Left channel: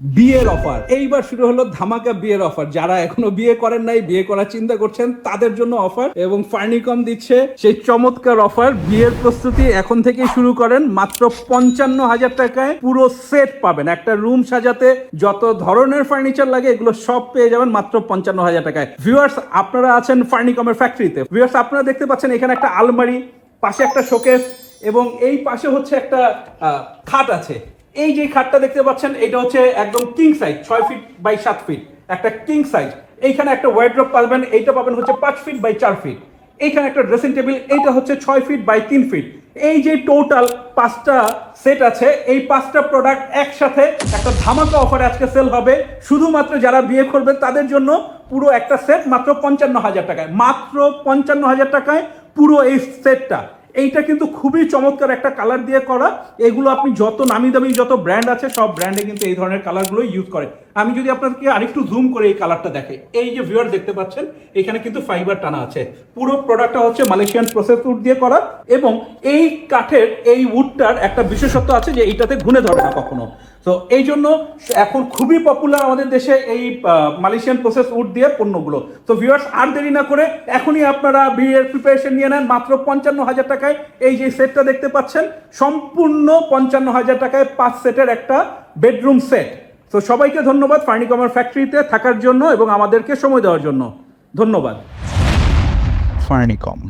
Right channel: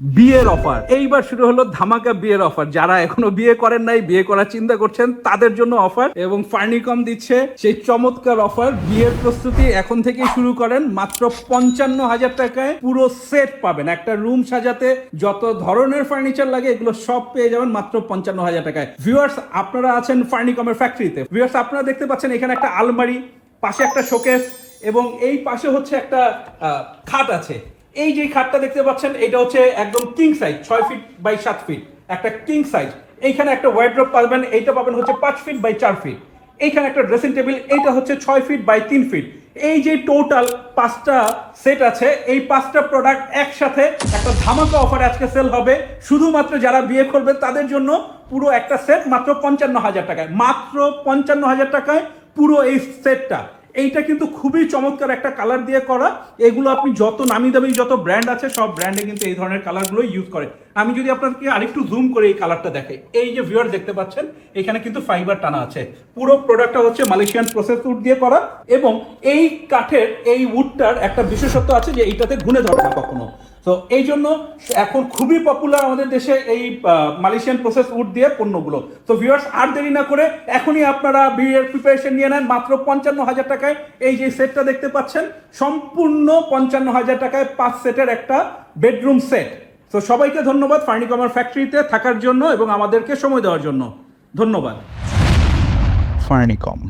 বিয়ের অফার এইবার শুরু হলো ধামাকা বিয়ের অফার যারা এখনও বিয়ে করেন নাই, বিয়ে করার চিন্তা করছেন, তাদের জন্য অফার এবং ফার্নিকম দিচ্ছে সেই চমৎকার অফার বিয়ের প্রস্তুতি এখন থেকেই শুরু করেন। মাত্র পঞ্চান্ন হাজার টাকায় পুরো সেট পাবেন। একটা রুম সাজাতে যত ধরনের ফার্নিচার লাগে, এগুলো সব পেয়ে যাবেন মাত্র পঞ্চান্ন হাজার টাকায়। ভিউয়ার্স আপনারা আছেন ফার্নিকমের ফ্যাক্টরিতে ভিউয়ার্স আপনারা দেখতে পাচ্ছেন এখানে একটা আলমারি, পাশে একটা শোকেস এবং এই পাশে হচ্ছে একটা খাট আছে। এই যে খাটটা দেখতে পাচ্ছেন, এটা হচ্ছে একদম কিং সাইজ ছয় ফিট বাই সাত ফিট একটা কিং সাইজ এইখানে একটা ওয়াইড্রপ পাবেন, এইটা পাবেন হচ্ছে পাঁচ ফিট বাই চার ফিট এইখানে একটা ড্রেসিং টেবিল এইটা হচ্ছে ছয় ফিট বাই তিন ফিট এই যে টোটাল পাঁচটা সেট আছে, এই পাঁচটা প্রোডাক্ট একসাথে একটা ধামাকা অফার আজকে সেল হবে। শুধুমাত্র যারা বিয়ে করবে তাদের জন্য পুরো একটা সেট মাত্র পঞ্চান্ন হাজার টাকায়। মাত্র পঞ্চান্ন হাজার টাকায় পুরো এই সেটটা এইটা কিন্তু খুবই চমৎকার একটা কালার দিয়ে করা। এগুলো আপনি যত নামি দামি যত ব্র্যান্ড আছে, সব ব্র্যান্ডে কিন্তু এই ধরনের কালারগুলো ইউজ করে। আমি যদি আপনাদেরকে আরেকটু জুম করে এই কালারটা দেখে এই যে ভিউয়ার দেখতে পাচ্ছেন, এখানে কিন্তু ফাইবার টানা আছে। পুরো প্রোডাক্টটা হচ্ছে মালয়েশিয়ান প্রসেস উড দিয়ে করা এবং এই কাঠের, এই উডটার একটা বিশেষত্ব আছে যে এইটাতে ঘুনে ধরে না কখনো। তো এই জন্য এখন খুবই পপুলার আমাদের দেশে এই মালয়েশিয়ান প্রসেস উড দিয়ে পণ্যগুলো তো ভিউয়ার্স আর দেরি না করে এখনই আপনারা বিয়ের প্রিপারেশন নিয়ে নেন মাত্র পঞ্চান্ন হাজার টাকায় এই যে সেটটা দেখতে পাচ্ছেন, সম্পূর্ণ পঞ্চান্ন হাজার টাকায় পাঁচ সেটের একটা বেডরুম সেট তো সবাইকে ধন্যবাদ ফার্নিকমার ফ্যাক্টরিতে থাকার জন্য এবং আমাদেরকে সময় দেওয়ার জন্য ধন্যবাদ Farnicom.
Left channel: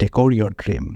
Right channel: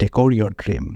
Decor your dream.